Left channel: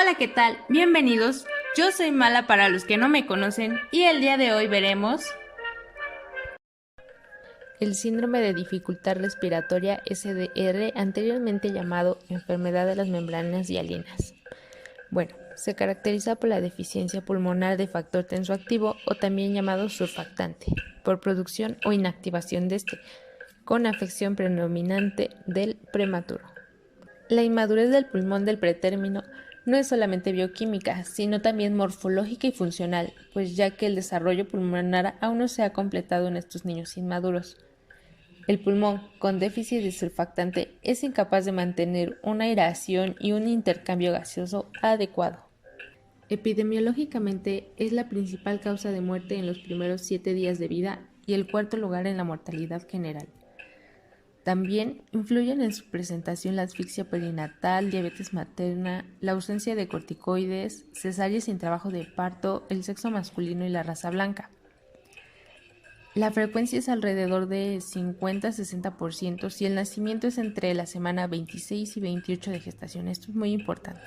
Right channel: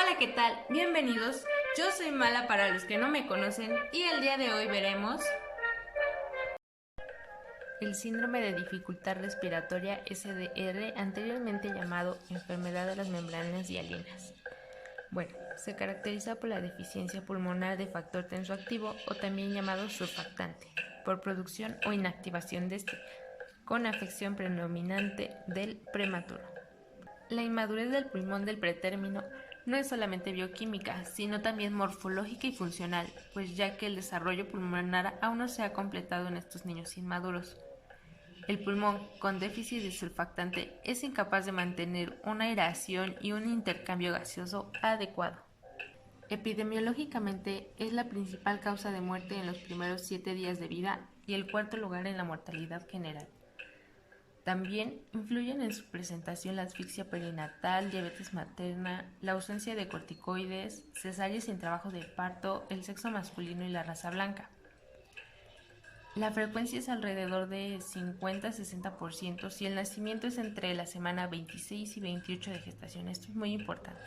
Hola, ¿qué tal? Bienvenidos. Yo soy Mala para los que no me conocen y el día de hoy veremos El síndrome de dificultad respiratoria SDR, anteriormente llamado enfermedad de las membranas hialinas. Bueno, se caracteriza por la deficiencia pulmonar de factor tensoactivo o también llamado surfactante, por producción o inactivación de este, con afección predominante del prematuro. La inmadurez del pulmón del pretérmino no es solamente bioquímica, sino también morfológica y funcional, pues ya que el desarrollo pulmonar aún no se ha completado en estos niños inmaduros. El pulmón, con déficit de surfactante, es incapaz de mantener una aeración y un intercambio gaseoso adecuado. Epidemiológicamente, es la principal causa de muerte en los primeros 7 días de vida y el cuarto lugar en la mortalidad general. También influyen en su presentación la asfixia perinatal, diabetes materna, la ausencia de corticoides, cesáreas sin trabajo de parto, el sexo masculino y la raza blanca. La frecuencia es alrededor de 50-60% si el nacimiento es entre la semana 26 y 28 de gestación. Esto es muy importante.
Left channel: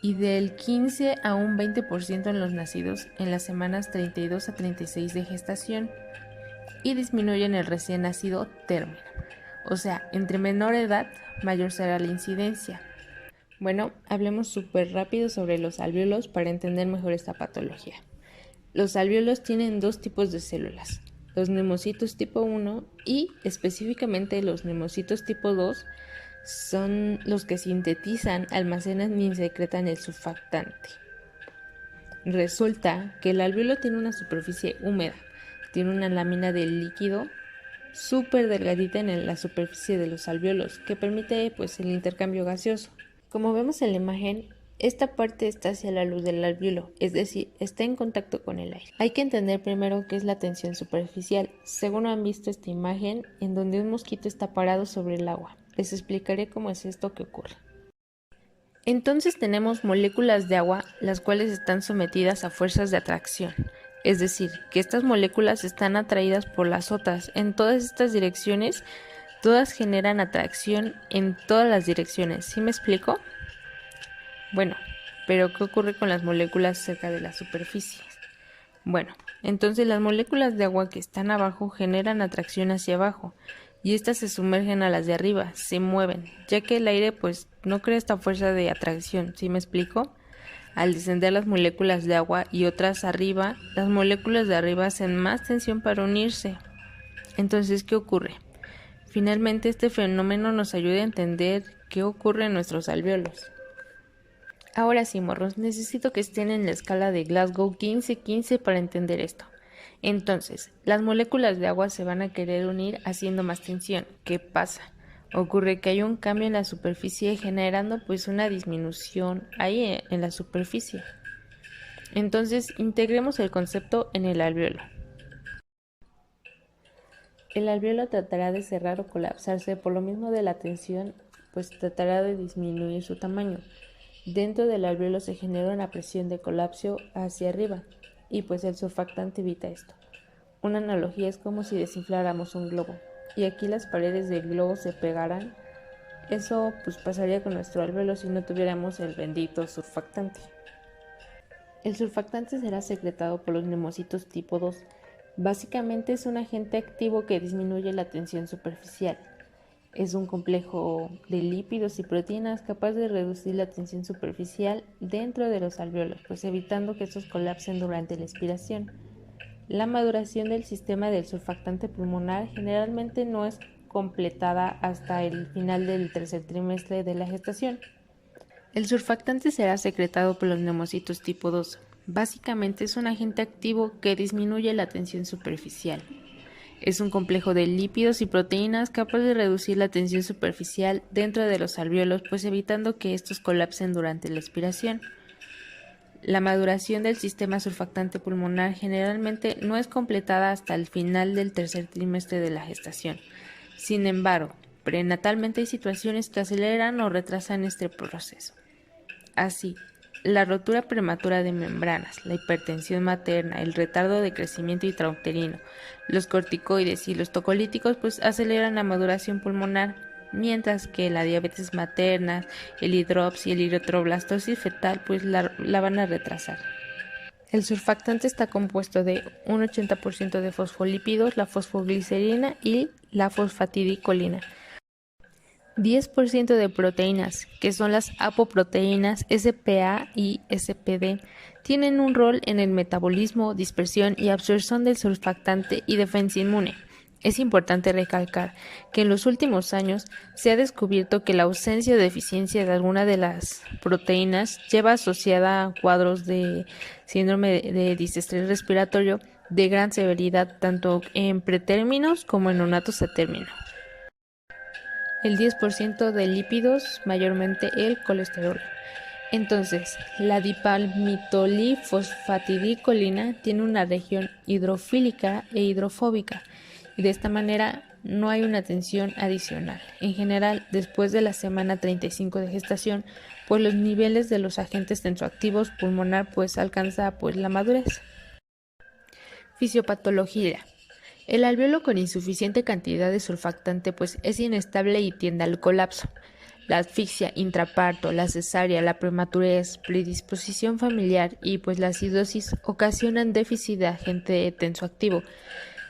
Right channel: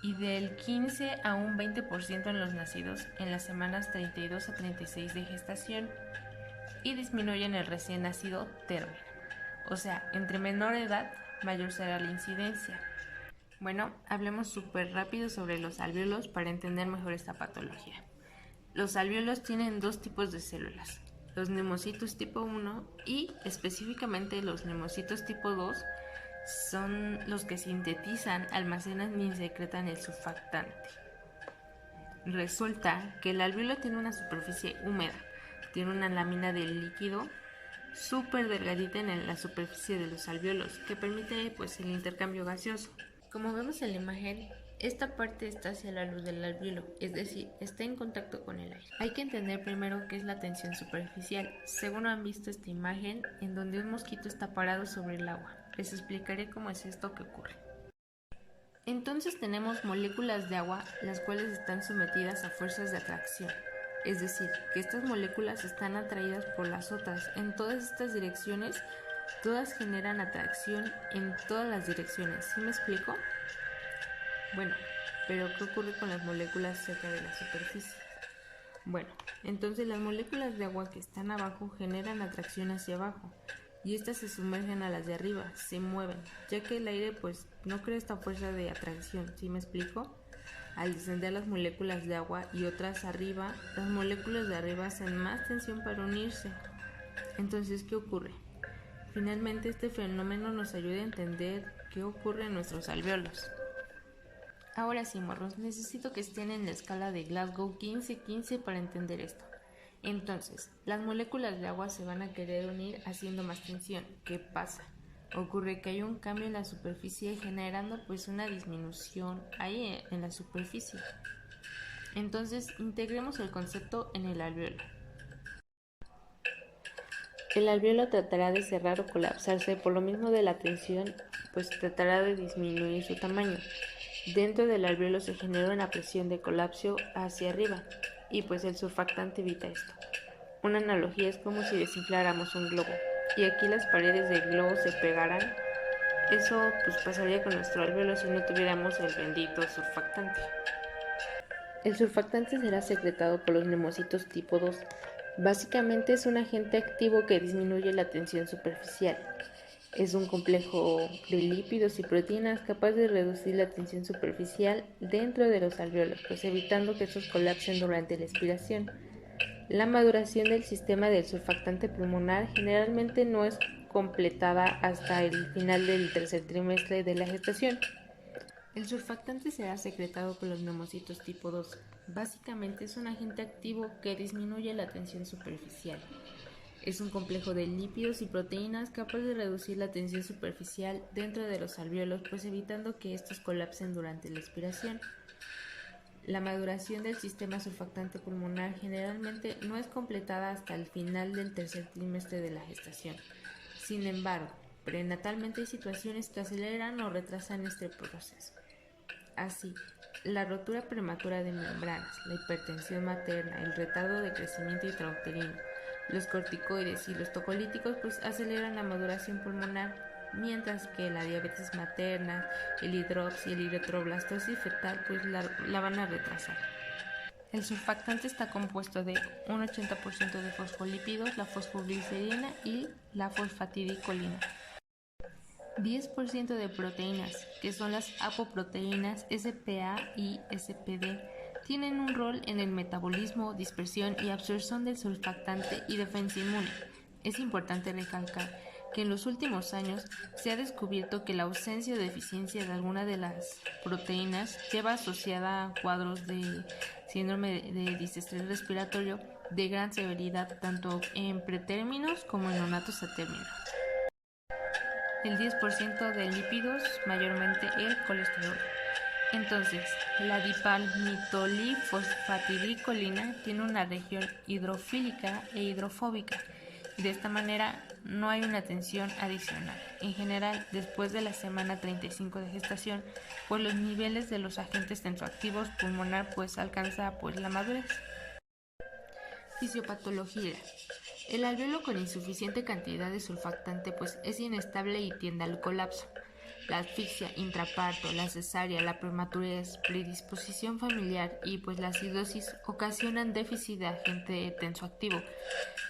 Y del 15 a un 20% en los nacidos en las semanas 32 a 36 de gestación y disminuye en el recién nacido término. O sea, entre menor edad, mayor será la incidencia. Bueno, hablemos súper rápido sobre los alvéolos para entender mejor esta patología. Los alvéolos tienen dos tipos de células, los nemocitos tipo 1 y específicamente los nemocitos tipo 2 son los que sintetizan, almacenan y secretan el surfactante. Resulta que el alvéolo tiene una superficie húmeda, tiene una lámina de líquido súper delgadita en la superficie de los alvéolos que permite el intercambio gaseoso. Como vemos en la imagen, esta parte está hacia la luz del alvéolo, es decir, está en contacto con el aire. Hay que entender primero qué es la tensión superficial. Según han visto esta imagen, en donde un mosquito está parado sobre el agua. Les explicaré cómo es esto que ocurre. Entonces tenemos moléculas de agua, las cuales están sometidas a fuerzas de atracción. Es decir, que estas moléculas están atraídas por las otras en todas estas direcciones. Todas generan atracción en todas las direcciones. ¿Sí me explico? Bueno, pero ¿qué ocurre con las moléculas cerca de la superficie? Bueno, entonces las moléculas de agua que están abajo generan atracción hacia abajo y estas se sumergen a las de arriba, se mueven, ya que el aire no crea esta fuerza de atracción. ¿Sí me explico? Al descender las moléculas de agua y otras arriba, las moléculas de arriba hacen más tensión para unirse. Entonces, ¿qué ocurre? Finalmente, este fenómeno nos ayuda a entender qué ocurre en nuestros alvéolos. Ahora sí, morros, necesito que estén en la escala de Glasgow 15-15 para entender esto. Entonces, las moléculas de agua se van a querer unir haciendo más tensión. ¿Qué pasa? Ocurre que hay un cambio en la superficie generando una disminución ahí en la superficie. Entonces, integremos el concepto en el alvéolo. El alvéolo tratará de cerrar o colapsarse por lo mismo de la tensión, tratará de disminuir su tamaño. Dentro del alvéolo se genera una presión de colapso hacia arriba y el surfactante evita esto. Una analogía es como si desinfláramos un globo y aquí las paredes del globo se pegaran. Eso pasaría con nuestro alvéolo si no tuviéramos el bendito surfactante. El surfactante será secretado por los nemocitos tipo 2. Básicamente es un agente activo que disminuye la tensión superficial. Es un complejo de lípidos y proteínas capaz de reducir la tensión superficial dentro de los alvéolos, evitando que estos colapsen durante la expiración. La maduración del sistema del surfactante pulmonar generalmente no es completada hasta el final del tercer trimestre de la gestación. El surfactante será secretado por los nemocitos tipo 2. Básicamente es un agente activo que disminuye la tensión superficial. Es un complejo de lípidos y proteínas capaz de reducir la tensión superficial dentro de los alvéolos, evitando que estos colapsen durante la expiración. La maduración del sistema surfactante pulmonar generalmente no es completada hasta el final del tercer trimestre de la gestación. Sin embargo, prenatalmente hay situaciones que aceleran o retrasan este proceso. Así, la rotura prematura de membranas, la hipertensión materna, el retardo de crecimiento intrauterino, los corticoides y los tocolíticos aceleran la maduración pulmonar, mientras que la diabetes materna, el hidrops y el eritroblastosis fetal pues la van a retrasar. El surfactante está compuesto de un 80% de fosfolípidos, la fosfoglicerina y la fosfatidilcolina. 10% de proteínas, que son las apoproteínas SPA y SPD, tienen un rol en el metabolismo, dispersión y absorción del surfactante y defensa inmune. Es importante recalcar que en los últimos años se ha descubierto que la ausencia o deficiencia de alguna de las proteínas lleva asociada a cuadros de síndrome de disestrés respiratorio de gran severidad tanto en pretérminos como en neonatos a término. El 10% de lípidos, mayormente el colesterol. Entonces, la dipalmitolifosfatidilcolina tiene una región hidrofílica e hidrofóbica y de esta manera no hay una tensión adicional. En general, después de la semana 35 de gestación, pues los niveles de los agentes tensoactivos pulmonar pues alcanza pues la madurez. Fisiopatología. El alveolo con insuficiente cantidad de surfactante pues es inestable y tiende al colapso. La asfixia, intraparto, la cesárea, la prematurez, predisposición familiar y pues la acidosis ocasionan déficit de agente tensoactivo,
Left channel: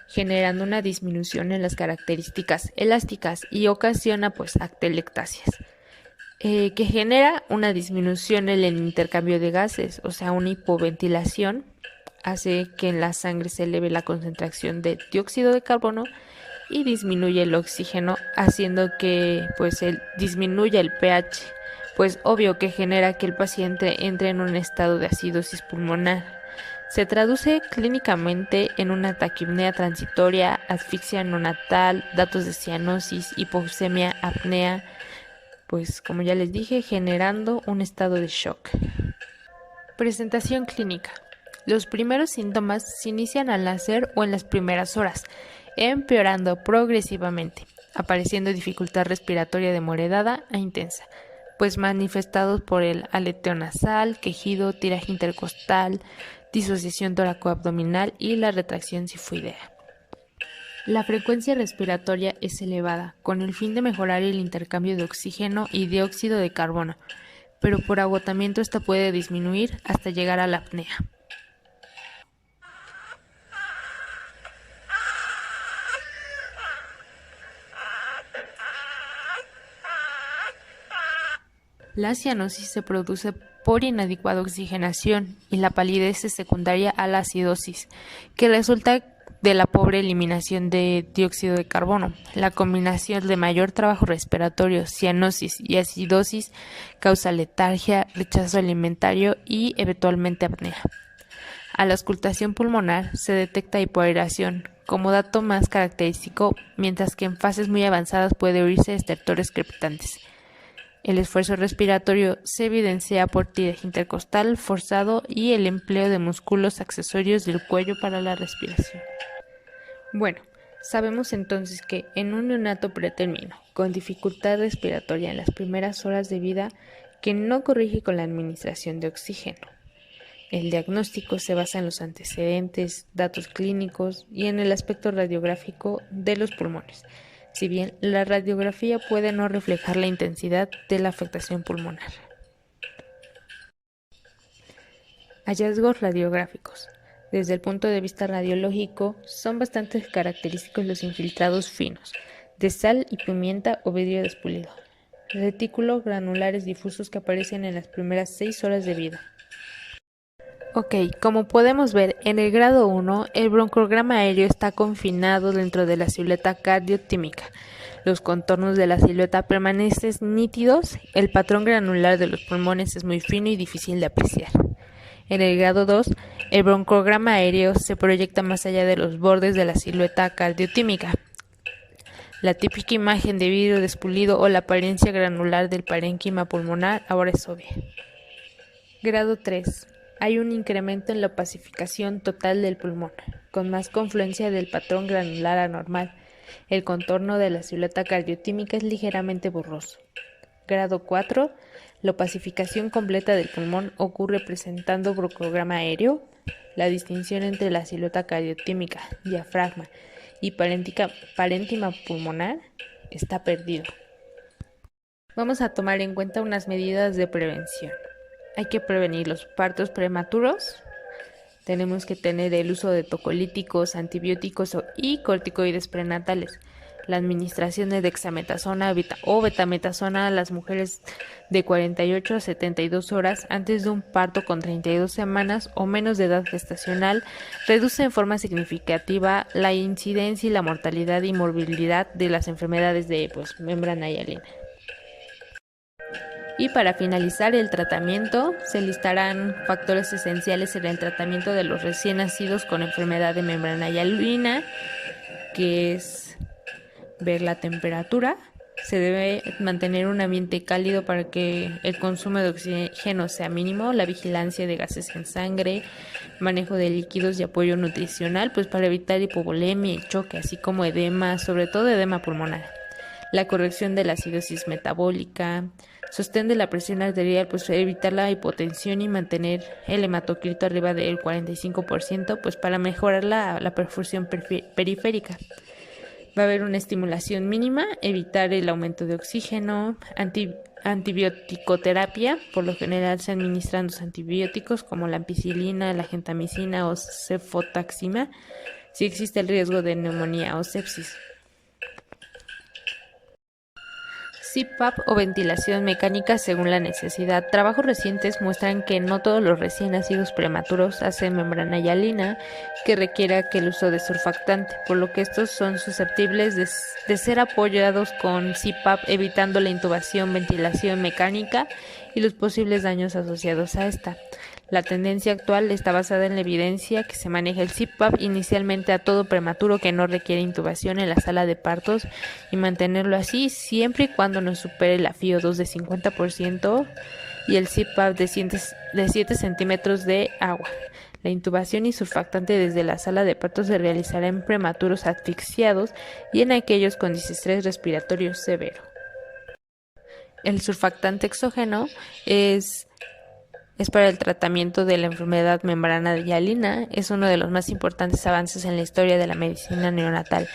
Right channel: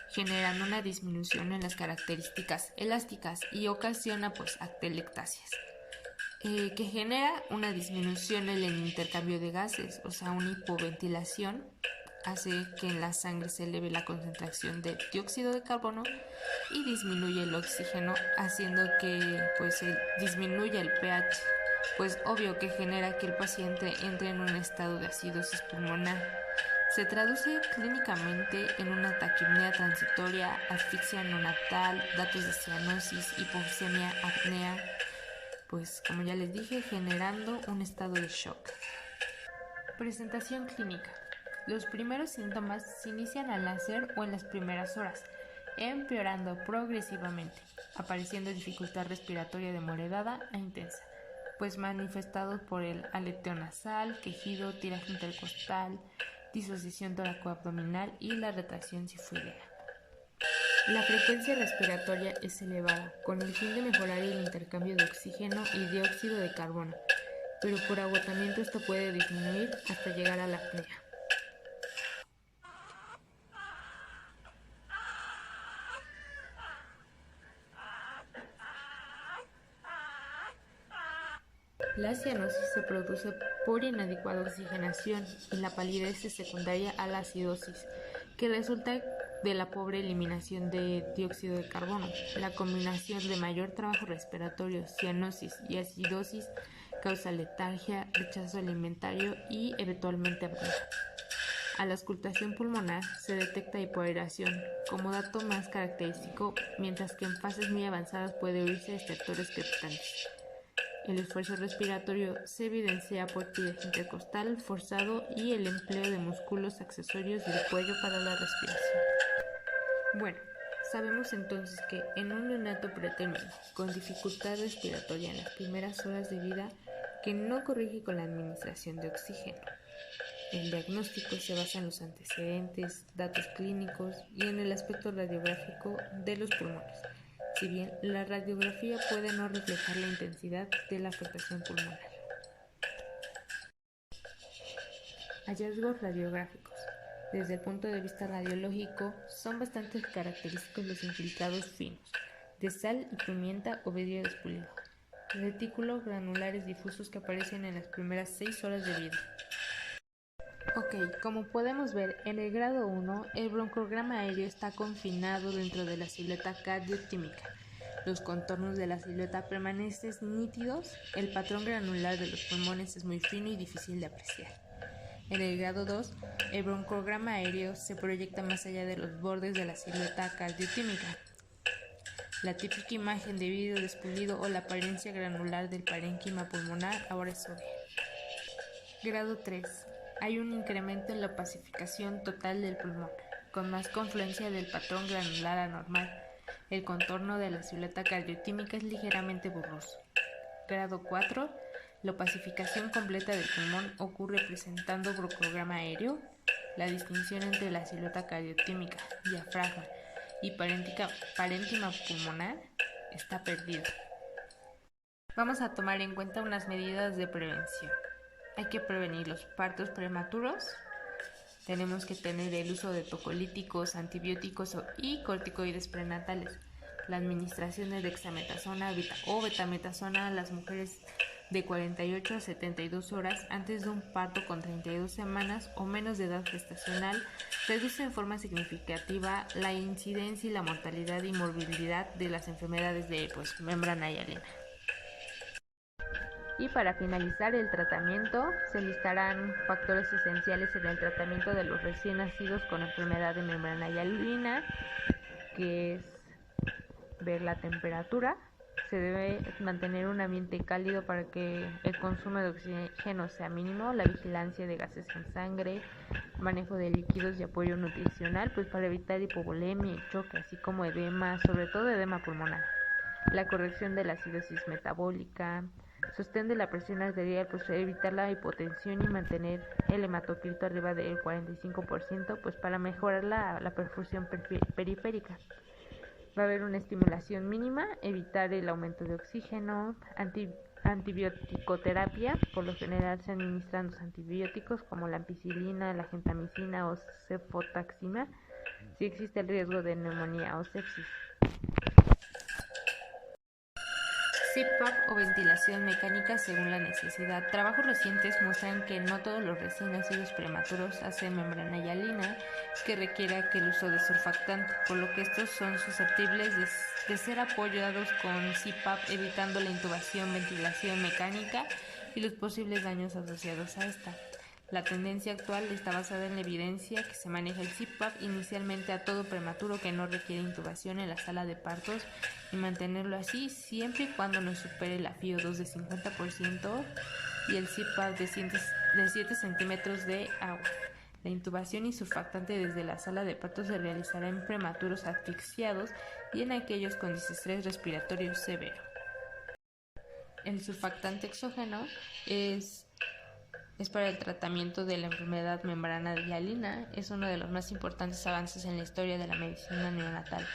generando una disminución en las características elásticas y ocasiona pues atelectasias, que genera una disminución en el intercambio de gases, o sea, una hipoventilación hace que en la sangre se eleve la concentración de dióxido de carbono y disminuye el oxígeno, haciendo que pues disminuya el pH, pues obvio que genera que el paciente entre en un estado de acidosis pulmonar. Se traduce clínicamente en una taquipnea transitoria, asfixia neonatal, datos de cianosis, hipoxemia, apnea, pues como ya les dije, generando un estado de shock. Presentación clínica. Los primeros síntomas se inician al nacer o en las primeras horas, empeorando progresivamente, apareciendo dificultad respiratoria de moderada a intensa, pues manifestados por el aleteo nasal, quejido, tiraje intercostal, disociación tóraco-abdominal y la retracción sifoidea. La frecuencia respiratoria es elevada, con el fin de mejorar el intercambio de oxígeno y dióxido de carbono, pero por agotamiento esta puede disminuir hasta llegar a la apnea. La cianosis se produce por inadecuada oxigenación y la palidez es secundaria a la acidosis, que resulta de la pobre eliminación de dióxido de carbono. La combinación de mayor trabajo respiratorio, cianosis y acidosis causa letargia, rechazo alimentario y eventualmente apnea. A la auscultación pulmonar se detecta hipoaeración como dato más característico, mientras que en fases muy avanzadas puede oírse estertores crepitantes. El esfuerzo respiratorio se evidencia por tiraje intercostal forzado y el empleo de músculos accesorios del cuello para la respiración. Bueno, sabemos entonces que en un neonato pretérmino con dificultad respiratoria en las primeras horas de vida que no corrige con la administración de oxígeno. El diagnóstico se basa en los antecedentes, datos clínicos y en el aspecto radiográfico de los pulmones. Si bien la radiografía puede no reflejar la intensidad de la afectación pulmonar. Hallazgos radiográficos. Desde el punto de vista radiológico, son bastante característicos los infiltrados finos, de sal y pimienta o vidrio despulido, retículos granulares difusos que aparecen en las primeras 6 horas de vida. Ok, como podemos ver, en el grado 1, el broncograma aéreo está confinado dentro de la silueta cardiotímica. Los contornos de la silueta permanecen nítidos, el patrón granular de los pulmones es muy fino y difícil de apreciar. En el grado 2, el broncograma aéreo se proyecta más allá de los bordes de la silueta cardiotímica. La típica imagen de vidrio despulido o la apariencia granular del parénquima pulmonar ahora es obvia. Grado 3. Hay un incremento en la opacificación total del pulmón, con más confluencia del patrón granular anormal. El contorno de la silueta cardiotímica es ligeramente borroso. Grado 4. La opacificación completa del pulmón ocurre presentando broncograma aéreo. La distinción entre la silueta cardiotímica, diafragma y parénquima pulmonar está perdida. Vamos a tomar en cuenta unas medidas de prevención. Hay que prevenir los partos prematuros. Tenemos que tener el uso de tocolíticos, antibióticos y corticoides prenatales. La administración de dexametasona o betametasona a las mujeres de 48 a 72 horas antes de un parto con 32 semanas o menos de edad gestacional reduce en forma significativa la incidencia y la mortalidad y morbilidad de las enfermedades de membrana hialina. Y para finalizar el tratamiento, se listarán factores esenciales en el tratamiento de los recién nacidos con enfermedad de membrana hialina, que es ver la temperatura. Se debe mantener un ambiente cálido para que el consumo de oxígeno sea mínimo, la vigilancia de gases en sangre, manejo de líquidos y apoyo nutricional, pues para evitar hipovolemia y choque, así como edema, sobre todo edema pulmonar. La corrección de la acidosis metabólica, sostén de la presión arterial, pues evitar la hipotensión y mantener el hematocrito arriba del 45%, pues para mejorar la perfusión periférica. Va a haber una estimulación mínima, evitar el aumento de oxígeno, antibioticoterapia, por lo general se administran los antibióticos como la ampicilina, la gentamicina o cefotaxima, si existe el riesgo de neumonía o sepsis. CPAP o ventilación mecánica según la necesidad. Trabajos recientes muestran que no todos los recién nacidos prematuros hacen membrana hialina que requiera que el uso de surfactante, por lo que estos son susceptibles de ser apoyados con CPAP, evitando la intubación, ventilación mecánica y los posibles daños asociados a esta. La tendencia actual está basada en la evidencia que se maneja el CPAP inicialmente a todo prematuro que no requiere intubación en la sala de partos y mantenerlo así siempre y cuando no supere la FiO2 de 50% y el CPAP de 7 centímetros de agua. La intubación y surfactante desde la sala de partos se realizará en prematuros asfixiados y en aquellos con distrés respiratorio severo. El surfactante exógeno es para el tratamiento de la enfermedad membrana hialina. Es uno de los más importantes avances en la historia de la medicina neonatal.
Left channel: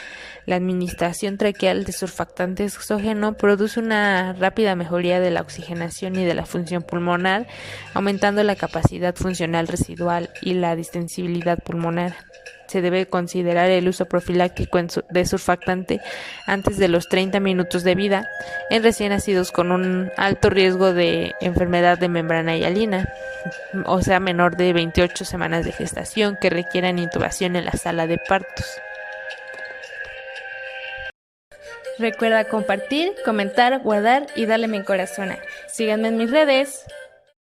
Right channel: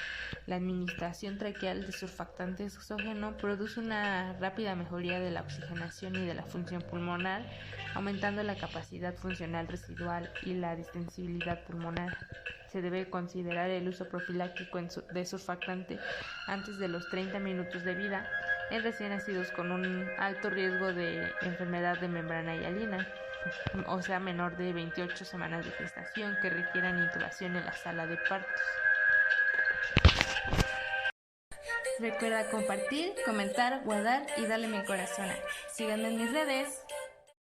La administración traqueal de surfactante exógeno produce una rápida mejoría de la oxigenación y de la función pulmonar, aumentando la capacidad funcional residual y la distensibilidad pulmonar. Se debe considerar el uso profiláctico de surfactante antes de los 30 minutos de vida en recién nacidos con un alto riesgo de enfermedad de membrana hialina, o sea, menor de 28 semanas de gestación, que requieran intubación en la sala de partos. Recuerda compartir, comentar, guardar y darle mi corazón. Síganme en mis redes.